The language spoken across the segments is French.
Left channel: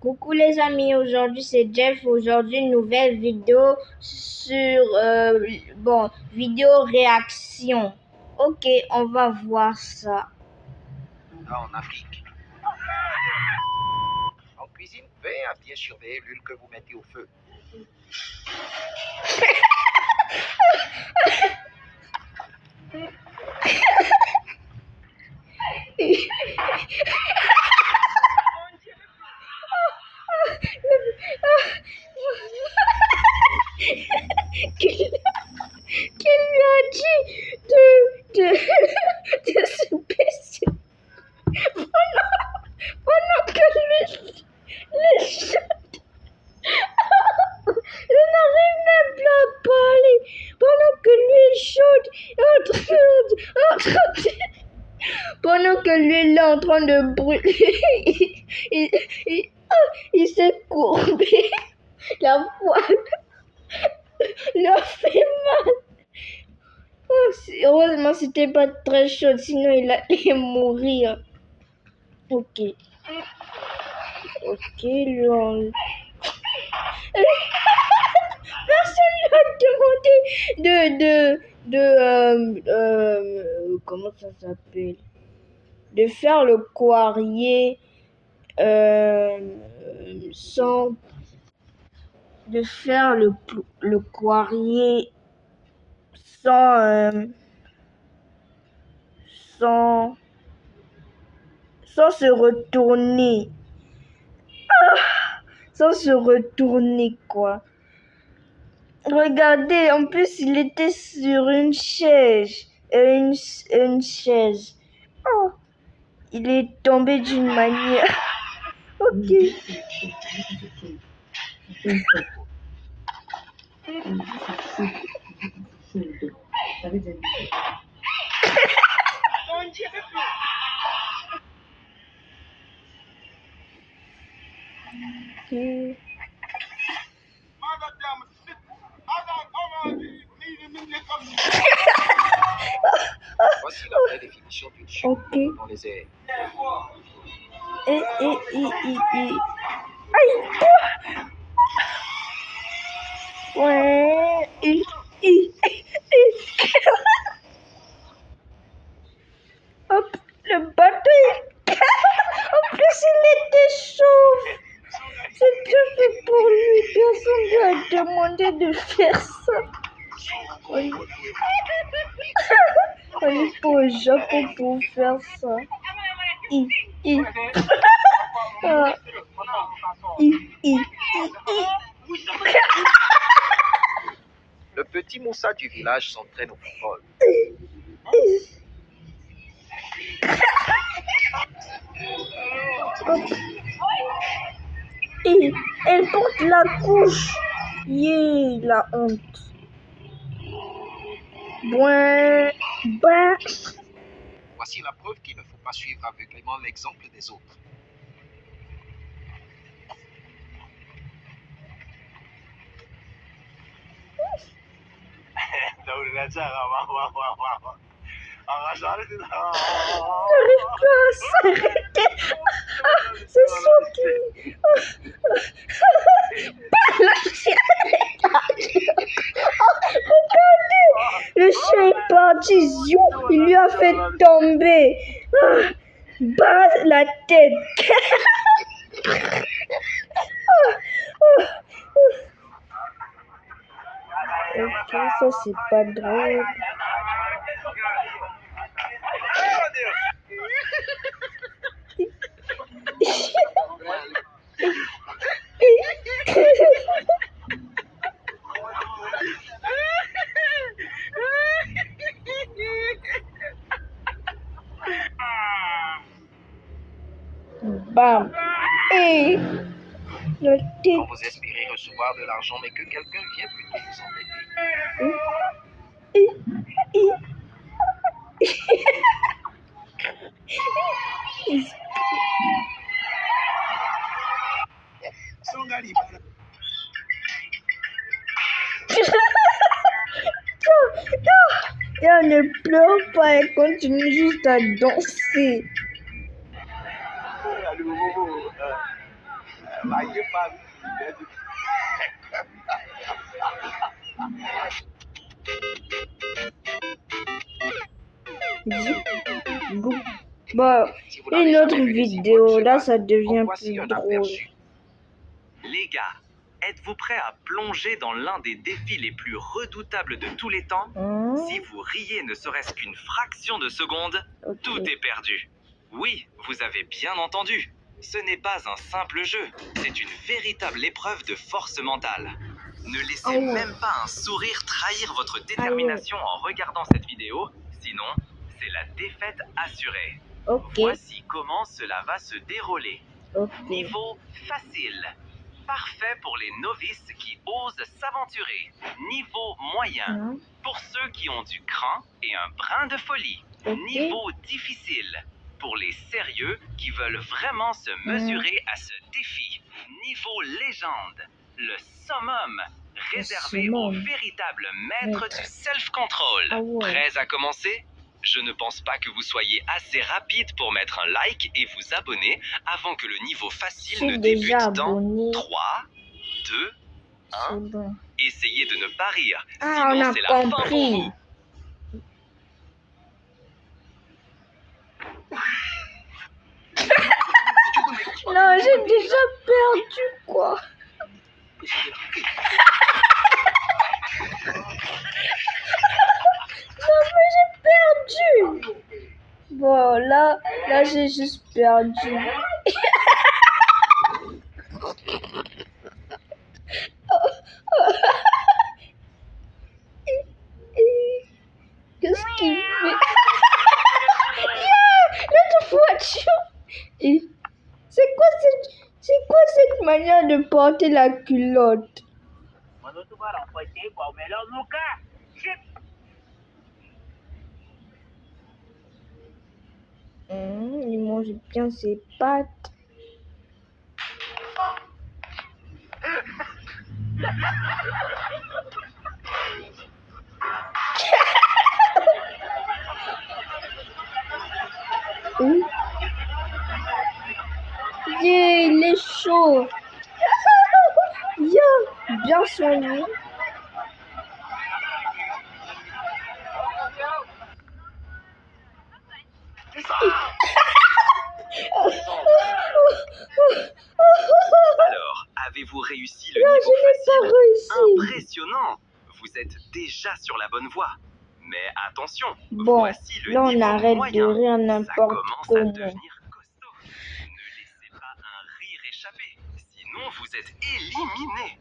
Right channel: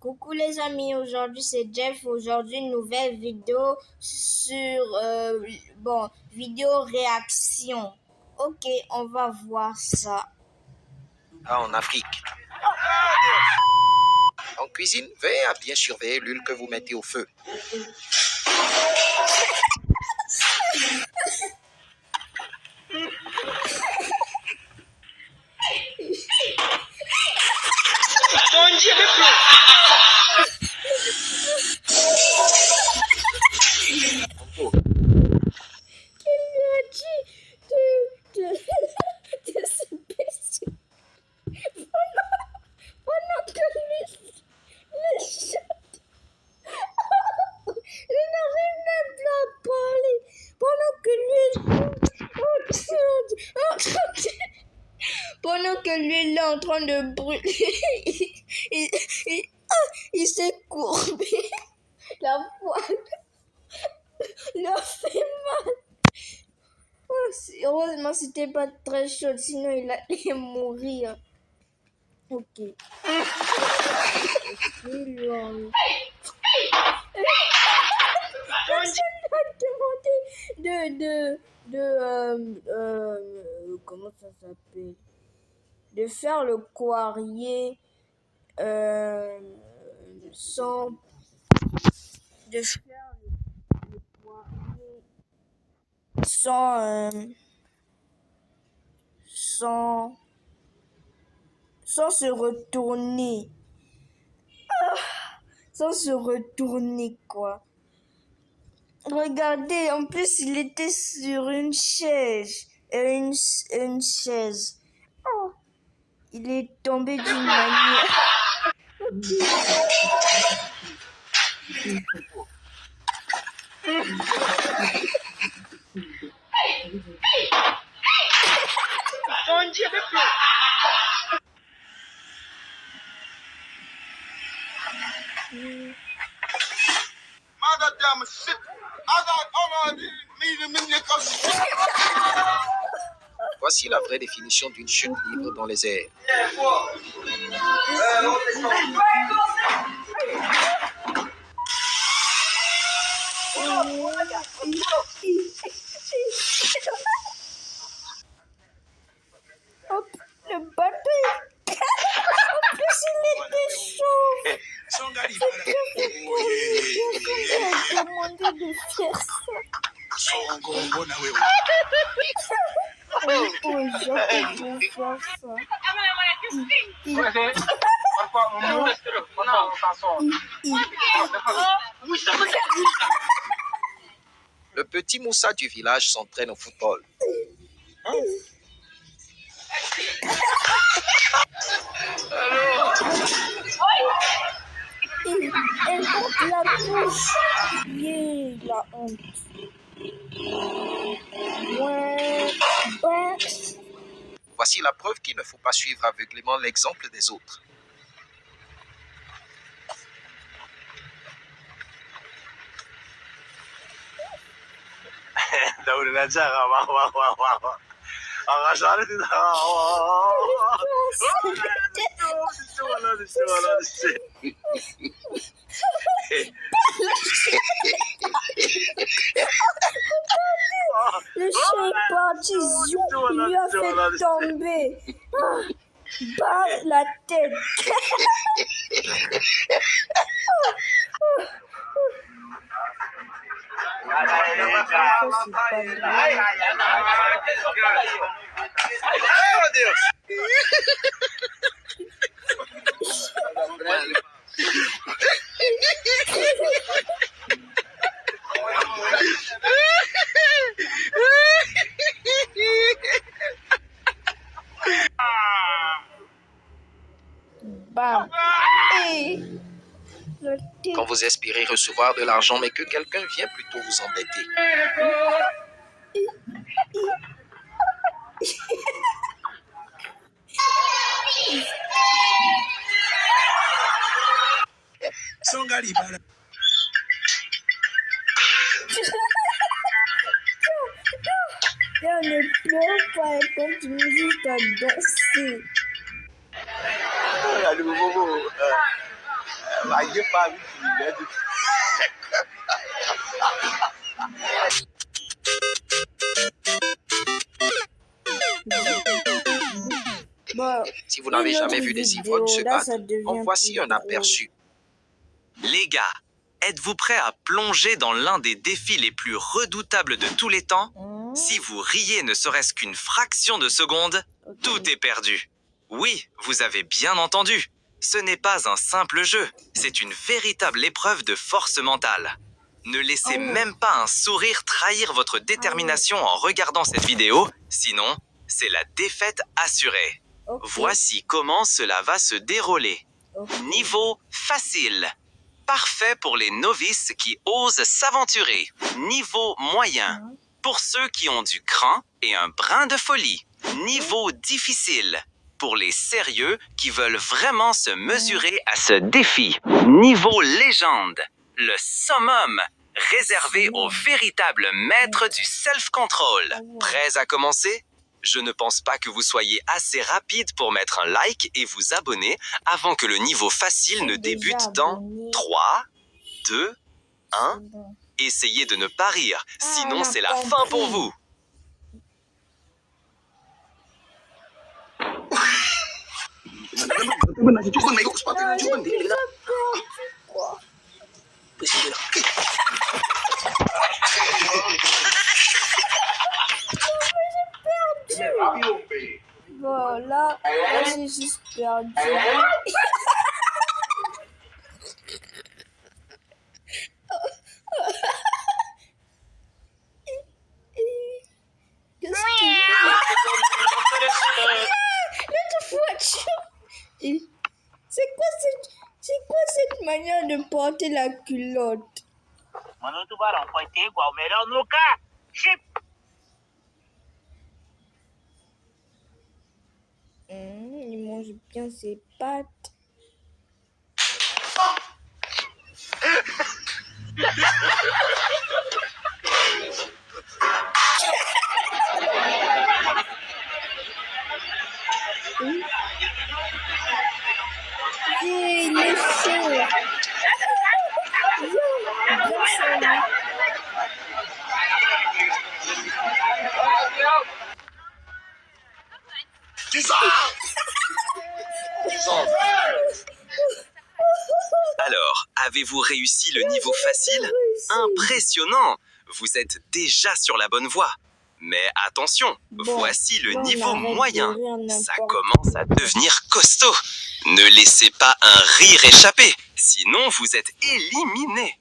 Coucou les amis, aujourd'hui c'est Jeff. Aujourd'hui une nouvelle vidéo sur vidéo réaction. Ok, on va voir ça. En Afrique. En cuisine, veillez à bien surveiller l'huile que vous mettez au feu. Qui lui a dit de se baisser pendant que lui je n'arrive même plus à parler pendant que l'huile chaude pendant que l'huile est en train de brûler, il s'est courbé. La poêle leur fait mal. Oh, heureusement, c'était pas très chaud, sinon il allait mourir. Ok. Ok, lui on... Personne lui a demandé comment ça s'appelle? De faire le poirier sans... De faire le poirier sans se retourner. Sans se retourner, quoi. Regardez, en plus, il était sur une chaise. Une chaise. Oh, il est tombé d'une manière. Ok. Voici la vraie définition d'une chute libre dans les airs. Ouais. Hop, le bateau. En plus, il était chaud. C'est très fait pour lui. Personne lui a demandé de faire ça. Allez pour le Japon pour faire ça. Le petit Moussa du village s'entraîne au football. Elle porte la couche. Yeah, la honte. Voici la preuve qu'il ne faut pas suivre aveuglément l'exemple des autres. Le chien est parti, il lui a fait tomber. Bas la tête. Ça, c'est pas drôle. Bam. Et quand vous espérez recevoir de l'argent, mais que quelqu'un vient plutôt vous embêter. Et elle ne pleure pas, elle continue juste à danser. Bon, Si vous une n'avez autre jamais vu des vidéo, ivognes se là battre, ça devient en voici plus un drôle. aperçu. Les gars, êtes-vous prêts à plonger dans l'un des défis les plus redoutables de tous les temps? Si vous riez ne serait-ce qu'une fraction de seconde, Ok. tout est perdu. Oui, vous avez bien entendu. Ce n'est pas un simple jeu, c'est une véritable épreuve de force mentale. Ne laissez même pas un sourire trahir votre détermination en regardant cette vidéo, sinon, c'est la défaite assurée. Ok. Voici comment cela va se dérouler. Ok. Niveau facile. Parfait pour les novices qui osent s'aventurer. Niveau moyen. Pour ceux qui ont du cran et un brin de folie. Niveau difficile. Pour les sérieux qui veulent vraiment se mesurer à ce défi. Niveau légende. Le summum. Réservé aux véritables maîtres du self-control. Prêts à commencer? Je ne pense pas que vous soyez assez rapide pour mettre un like et vous abonner avant que le niveau facile ne débute dans 3, 2, 1. Bon. Essayez de ne pas rire, Ah, sinon on a c'est la fin pour compris. vous. Non, j'ai déjà perdu quoi. Non, mais j'ai perdu. Bon, là j'ai juste perdu. Qu'est-ce qu'il fait? L'autre voiture. Et c'est quoi cette manière de porter la culotte? Il mange bien ses pattes. Yeah, il est chaud. Yeah, bien soigné. Alors, avez-vous réussi le niveau facile? Impressionnant! Vous êtes déjà sur la bonne voie. Mais attention, Bon, voici le là, on niveau arrête de moyen. rire Ça n'importe commence à comment. devenir costaud. Ne laissez pas un rire échapper, sinon vous êtes éliminé.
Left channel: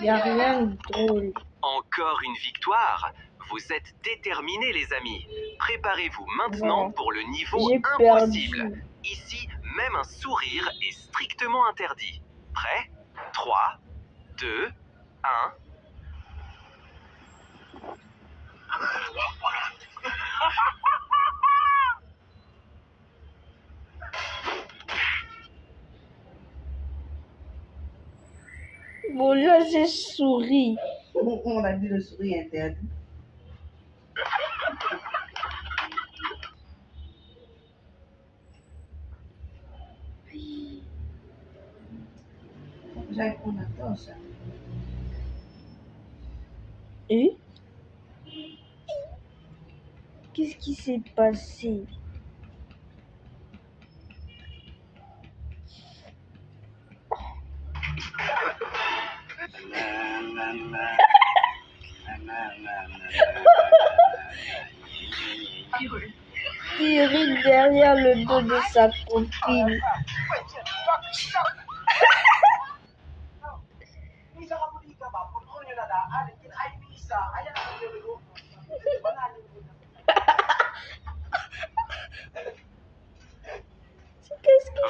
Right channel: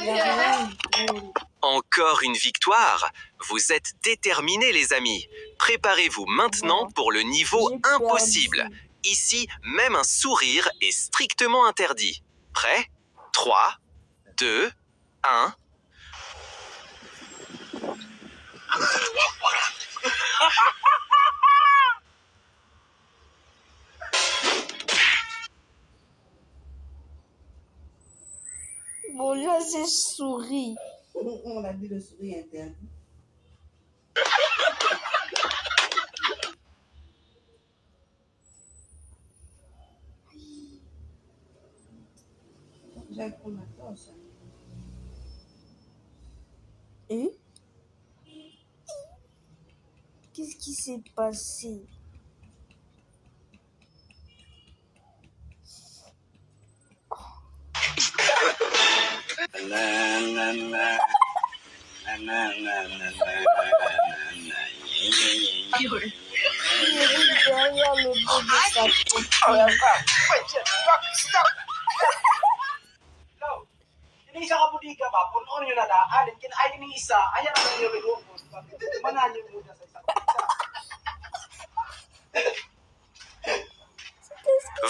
Y a rien de drôle. Encore une victoire. Vous êtes déterminés, les amis. Préparez-vous maintenant Bon, pour le niveau j'ai impossible. perdu. Ici, même un sourire est strictement interdit. Prêt? 3, 2, 1. Bon, là, j'ai souri. On a dit le sourire interdit. J'aille prendre la torche. Et qu'est-ce qui s'est passé? Il rit derrière le dos de sa copine. Isa ka budiga ba? Puno nyo na daan. Kin ay ni isa. Ayan ang nyo rin. Manalo nyo na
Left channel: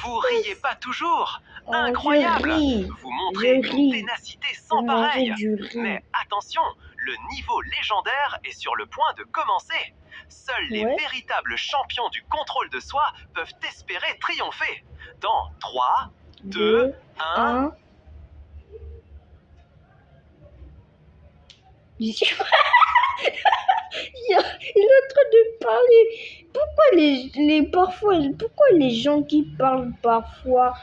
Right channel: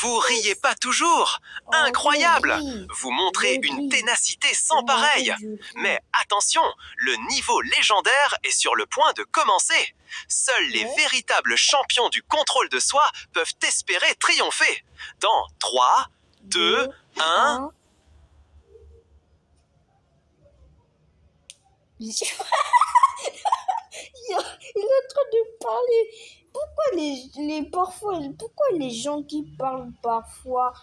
Vous riez pas toujours? Incroyable! Vous montrez une ténacité sans pareille. Mais attention, le niveau légendaire est sur le point de commencer. Seuls les véritables champions du contrôle de soi peuvent espérer triompher. Dans 3, 2, 1... Il est en train de parler. Pourquoi les gens qui parlent parfois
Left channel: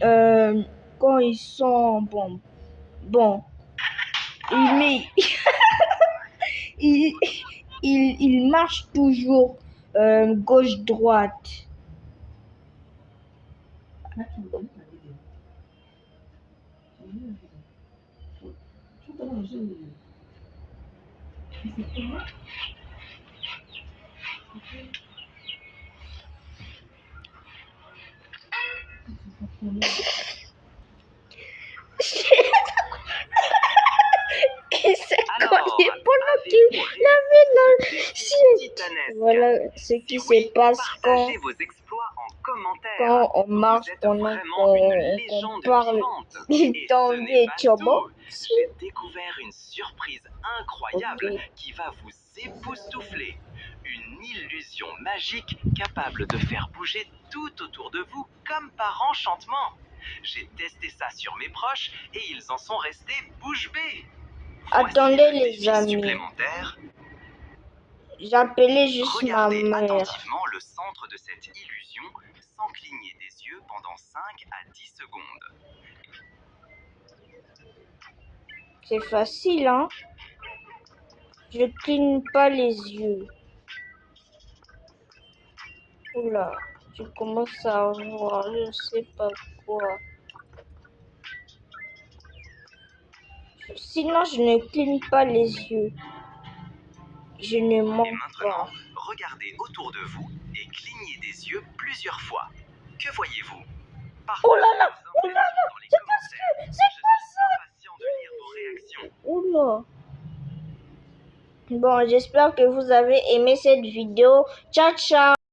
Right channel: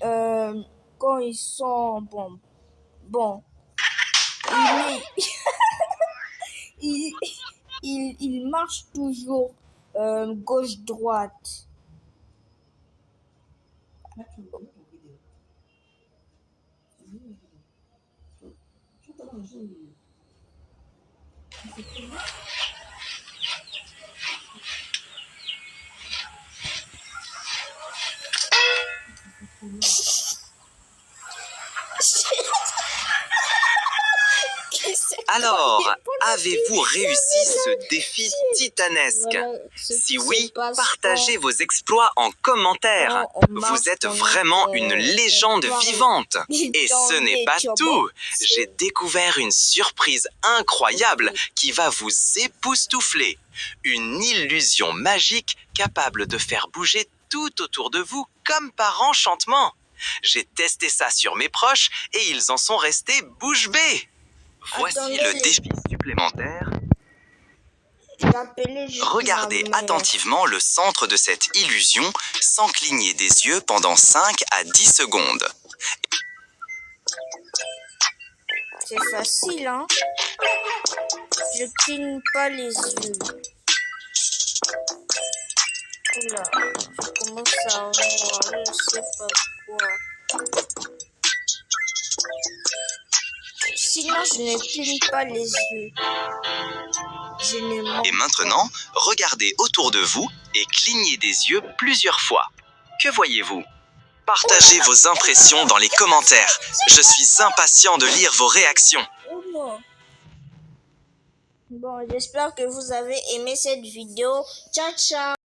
quand ils sont bon, il marche toujours gauche-droite. Alors, avez-vous réussi ce défi titanesque? Voilà Si oui, partagez vos exploits en commentaire. Vous êtes vraiment une légende vivante. Et ce n'est pas tout. J'ai découvert une surprise incroyable qui va vous époustoufler. Une illusion magique capable de faire bouger tout autour de vous comme par enchantement. J'ai testé ça sur mes proches et ils en sont restés bouche bée. Voici le défi supplémentaire. Regardez attentivement le centre de cette illusion sans cligner des yeux pendant 5 à 10 secondes. C'est facile, hein? Je cligne pas les yeux. Oula, je commence à voir, je sais pas quoi. Sinon, je ne cligne pas les yeux. Et maintenant, regardez autour de vous et clignez des yeux plusieurs fois. Que voyez-vous? Partagez vos impressions dans les commentaires. Je suis impatient de lire vos réactions. Oula. Bon, j'espère que vous avez aimé cette vidéo. Ciao, ciao!